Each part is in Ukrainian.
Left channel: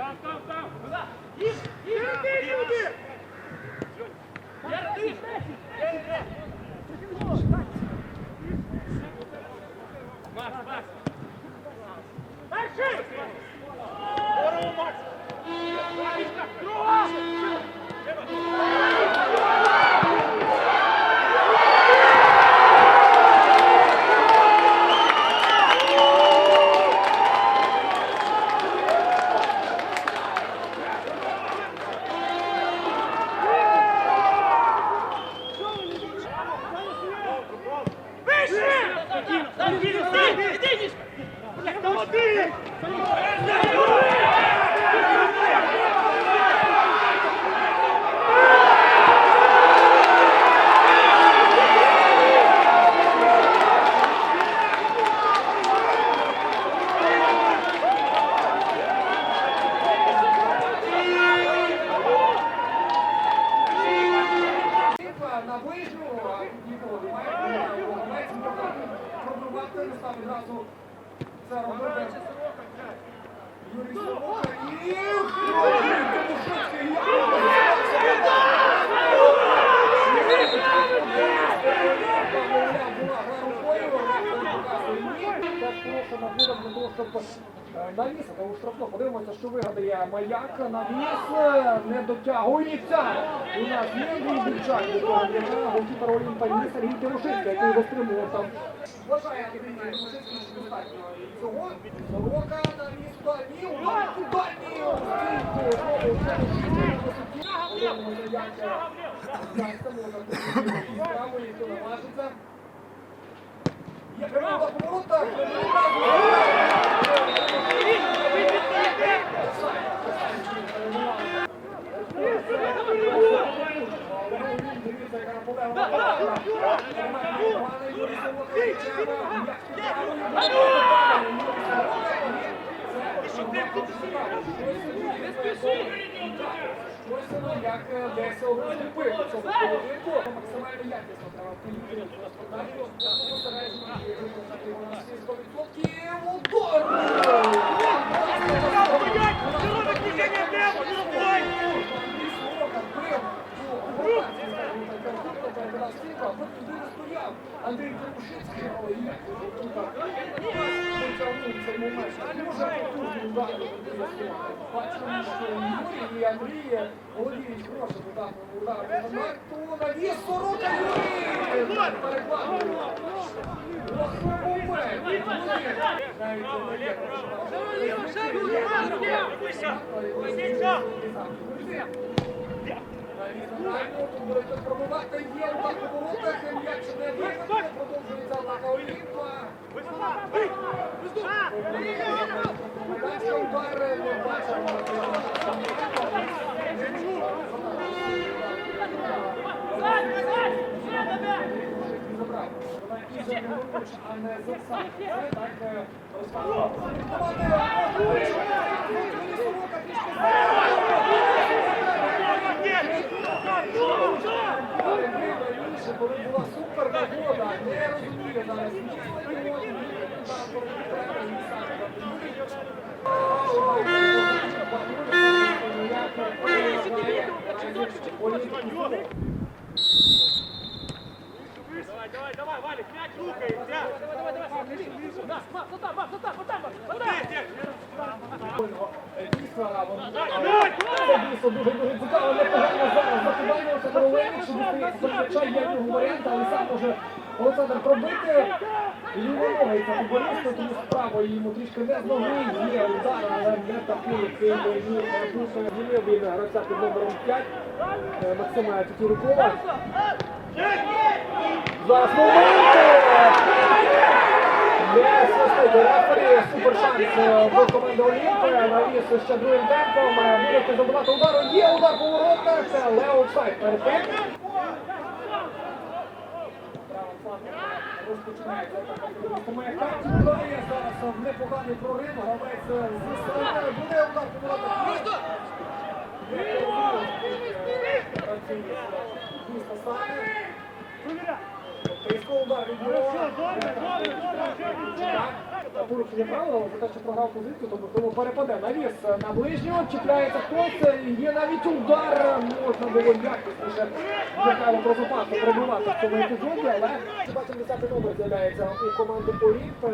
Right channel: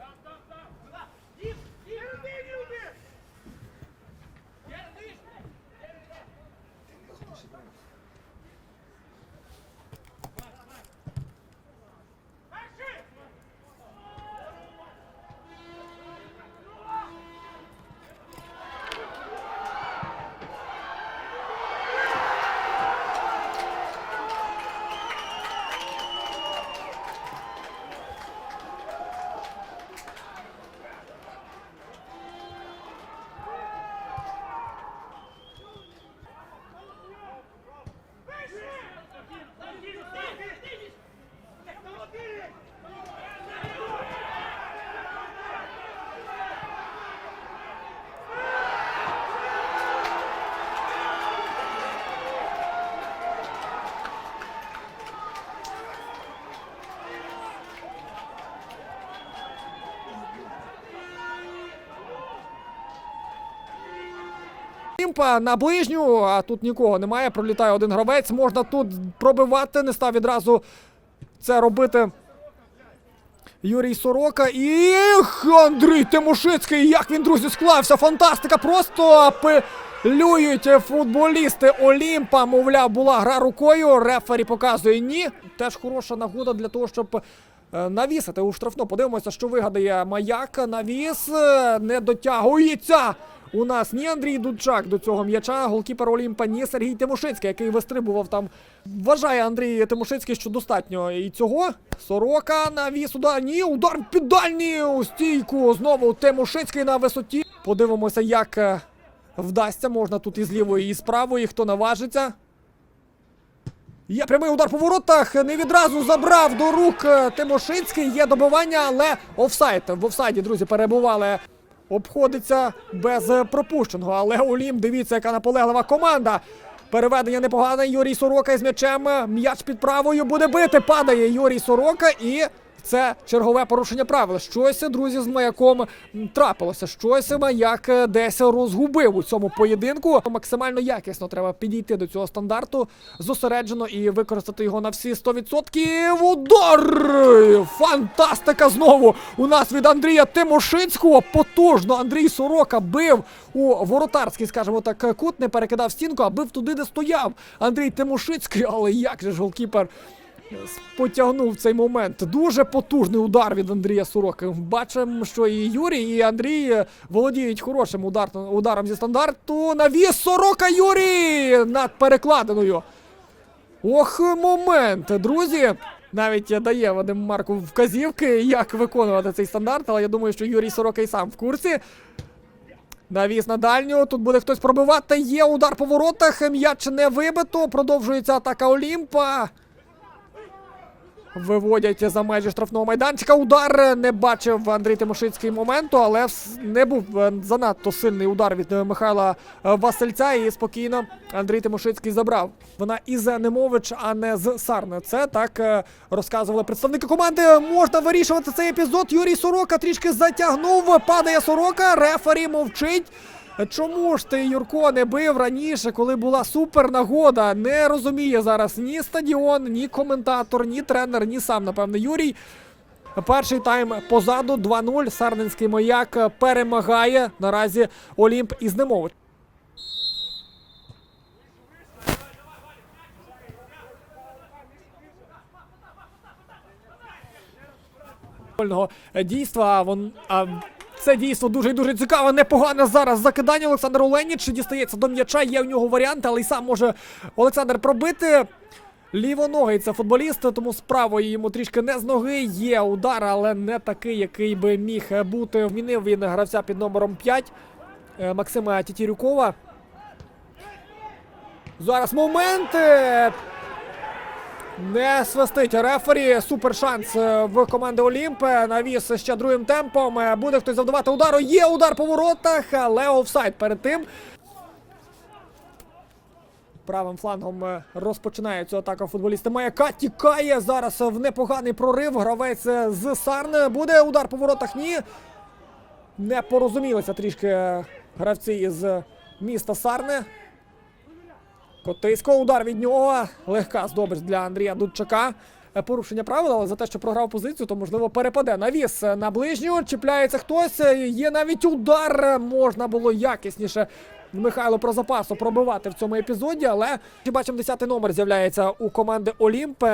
Yes, yes, yes. На ближню, а тут нікого немає. Пролітає один гравець. Можна тут пробивати, не став відразу це робити. Юрій Сорока і Андрій Тимошицький. Як він, друзі, склався. Фантастика! Просто апелюють футболісти Олімпа. Мовляв, була гра рукою. Рефері показує ні. Теж хороша нагода для того, щоб навісити у штрафно. Подивимося, що вигадає маяк. Навіс е, не дотягується. У нас ні Андрій Дубчак до цього м'яча, голкіпер Олімпа, ні Сергій Тимошицький, який вистрибував там. Вважає Андрій Тимошицький, що достатньо і цього. Сорока навіс удар. Ні, удар під дальній у стійку. Знову Тимошицький на висоті. Подивимося, як е, вдасться. Можна тут і з лівої, і з правої, хто наважиться. Є прямий удар по воротах. Не відразу забрав до рук Тимошинський. Є добування, але офсайд. В офсайді, друзі, перебували. Обходиться без е, пропущеного. Але Олім, дивіться, яка наполеглива команда. Переведення непогане. Юрій Сорока із м'ячем. М'яч під правою буде бити. Падає Юрій Сорока і. Це чергове порушення правил. Щось, друзі, з маяком трапилося. Щось маяк десь розгубив у цьому поєдинку. Максимально якісно треба підійти до цього стандарту, зосереджено і використати його на всі 100%. Удар! Фантастика знову! У нас від Андрія Тимошинського потужно. Андрій Сорока бив у воротарський, скажімо так, кут, не перекидав стінку, а бив туди, де стояв Андрій Тимошицький. Але як же ж голкіпер потягнув цей момент. Дуже потужний удар від Андрія Сороки. Бачимо, що і Юрій, і Андрій володіють хорошим удар, ударом зі стандарту. Навіс Сорока Юрій над перекладиною. Ох, момент, друзі. Навіть дає Вадим Марку вказівки, як виконувати цей стандарт, але я думаю, що Юрій Сорока і сам в курсі. Навіс на дальню. Тут буде хтось пробивати. Є удар по воротах. М'яч не вибито. Продовжується атака Олімпа. Виводять за межі штрафного майданчика. Удар не бачив Андрій Тимошицький моменту, але не був е, занадто сильний удар від е, Михайла е, Васильця. І спокійно Андрій Тимошицький забрав. Вона із Немович, а не з Сарна. Це так розказували представники команди. Можна вирішувати цей епізод. Юрій Сорока трішки затягнув. Падає Сорока. Рефері мовчить. Чому ж ти Юрко не бив раніше, коли була супер нагода? Не розуміє зараз ні стадіон, ні коментатор, ні тренер, ні сам, напевно, Юрій. Перший тайм позаду 2-0. Сарненський маяк перемагає наразі Олімп із футбольного дійства. Вон, а, це дійство дуже і дуже цікаве. Непогане зараз закидання. Олександр Оленіч дістається до м'яча. Є в нього варіанти, але й сам може Олександр пробити. Лівоногий це футболіст, тому з правої йому трішки не з ноги. Є удар, але не такий, який би міг бути. Вінив він гравця під номером 5 е, Максима Тітірюкова. Зараз момент. Не свистить рефері. Супер шанс е, в команди Олімп. Навіс ще другим темпом. Е, Буде хтось завдавати удару. Є удар по воротах, але офсайд перед тим. Правим флангом е, розпочинає цю атаку футболіста Маяка. Тікає зараз в непоганий прорив. Гравець з Сарни. Буде удар по воротах. Ні. Не порозумілися трішки гравці із міста Сарни. Потиско удар від нього. Легка здобич для Андрія Дудчака. Порушення правил, але за те, що програв позицію, то можливо перепаде. Навіс е, на ближню. Чіпляється хтось. Є навіть удар. Можна було якісніше Михайло про запасу пробивати в цьому епізоді. Але ми бачимо 10 номер з'являється у команди Олімп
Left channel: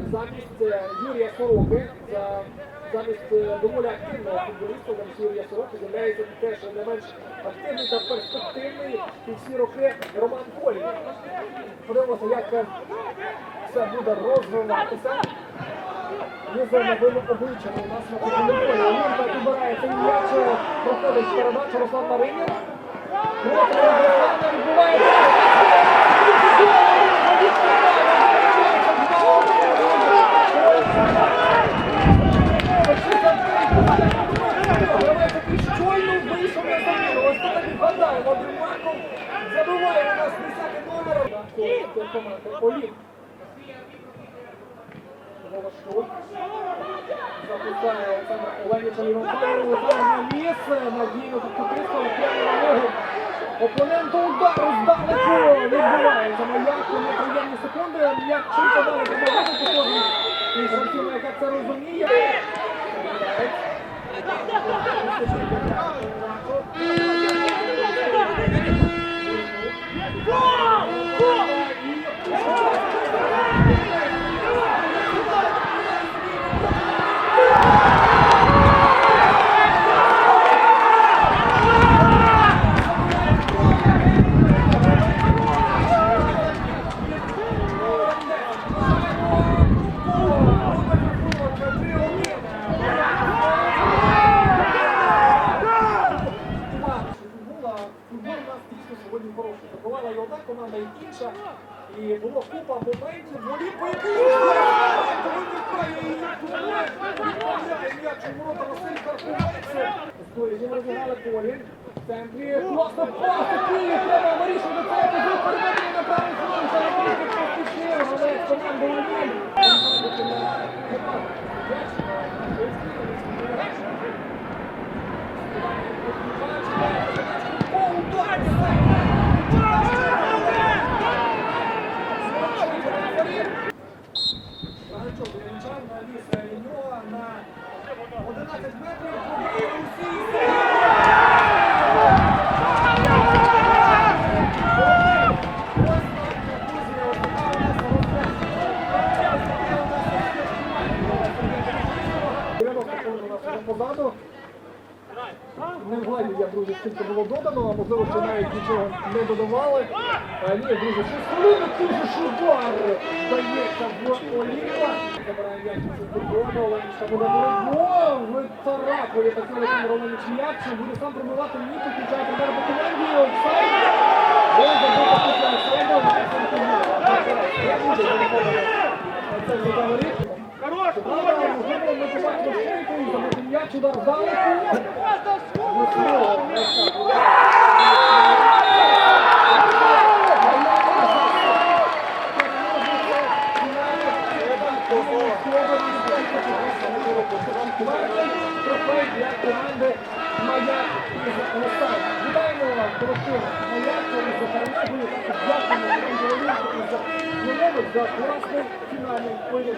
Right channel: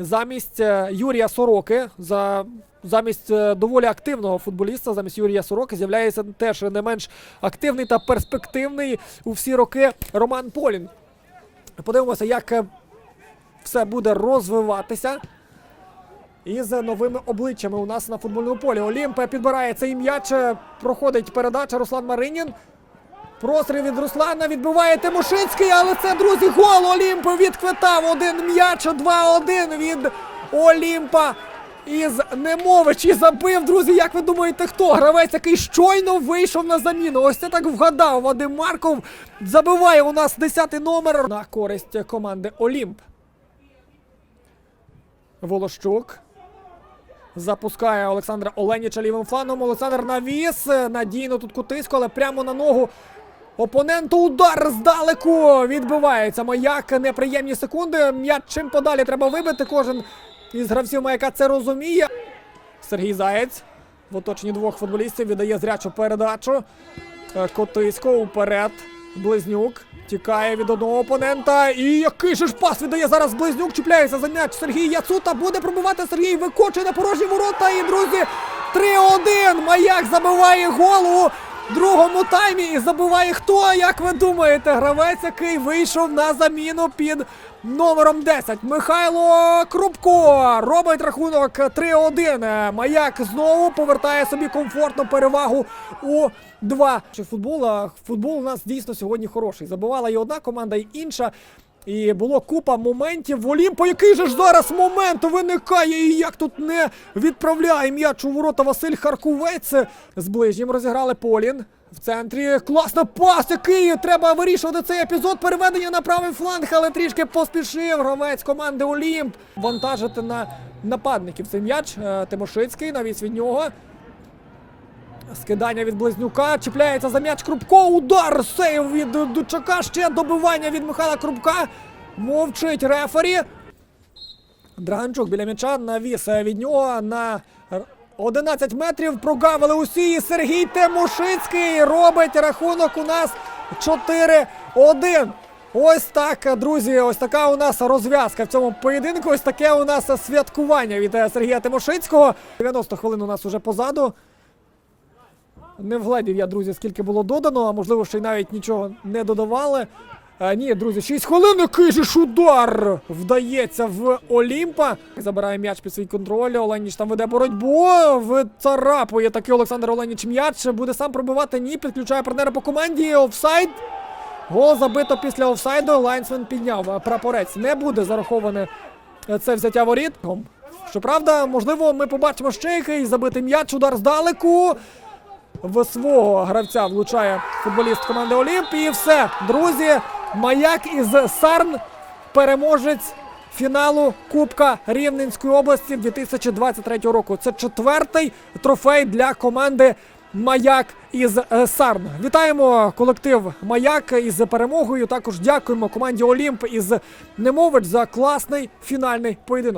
замість е, Юрія Сороки. За Замість е, доволі активного футболіста, замість Юрія Сороки, з'являється теж не менш активний та перспективний у всі роки Роман Полін. Подивимося, як е, все буде розвиватися. Із новими обличчями у нас на футбольному полі. Олімп підбирає цей м'яч. е, Проходить передача Руслан Маринін. Простріл від Руслана відбиває Тимошицький, але це, друзі, гол Олімпа відхватав один м'яч, 2-1 від Олімпа. М'яч і забив, друзі. Як ви думаєте, хто? Гравець, який щойно вийшов на заміну. Ось це так вгадав. Вадим Марков забиває у нас 10 номер на користь команди Олімп. Волощук. Запускає Олександра Оленіча лівим флангом. Олександр навіс. Надійно тут кутисько, але прямо на ногу. Опоненту удар здалеку. Відбувається маяк. Неприємні секунди. М'яч чим подалі треба вибити. Кожен із гравців маяка це розуміє. Сергій Заєць. В оточенні двох футболістів віддає зрячу передачу. Котисько вперед. Близнюк тікає від одного опонента. І який же ж пас віддає зараз Близнюк. Чіпляється за м'яч. Сергій Яцута буде пробувати вийшов на заміну під номером 10. Михайло Крупко робить рахунок 3-1. Маяк знову повертає собі комфортну перевагу у два. Футбол, футбол у нас дійсно сьогодні хороший. Забувала і одна команда, і інша. І було купа моментів. В Олімпо, який же ж зараз момент виникає, і як тут не відправляє м'яч у ворота Василь Харкувець. З ближнім розіграли Полін. В центрі класна пас, який треба вирішувати цей епізод. Переведення на правий фланг, але трішки поспішив гравець команди Олімп. Вантажити на нападників цей м'яч. Е, Тимошицький навіс від нього. Скидання від Близнюка, чіпляється за м'яч Крупко, удар, сейв від Дучака, ще добивання від Михайла Крупка. Мовчить рефері. Дранчук біля м'яча навіс від нього на 11 метрів. Прогавили усі. І Сергій Тимошицький робить рахунок у нас 4-1. Ось так, друзі, ось така у нас розв'язка в цьому поєдинку. Ось таке у нас святкування від Сергія Тимошицького. 90 хвилин у нас уже позаду. Не вгледів я, друзі, скільки було додано, а можливо, ще навіть нічого не додавали. А, ні, друзі, 6 хвилин, який же ж удар вдається в Олімпа. Забирає м'яч під свій контроль. Оленіч там веде боротьбу. Вицарапує такий Олександр Оленіч м'яч. Буде сам пробивати. Ні, підключає партнера по команді. Офсайд. Гол забито після офсайду. Лайнсмен підняв. Прапорець не буде зараховане це взяття воріт. Щоправда, можливо, ми побачимо ще якийсь забитий м'яч, удар здалеку. В свого гравця влучає футболіст команди Олімп. І все, друзі, маяк із Сарн, переможець фіналу Кубка Рівненської області 2023 року. Це четвертий трофей для команди Маяк із е, Сарн. Вітаємо колектив Маяк із перемогою. Також дякуємо команді Олімп із Немович за класний фінальний поєдинок.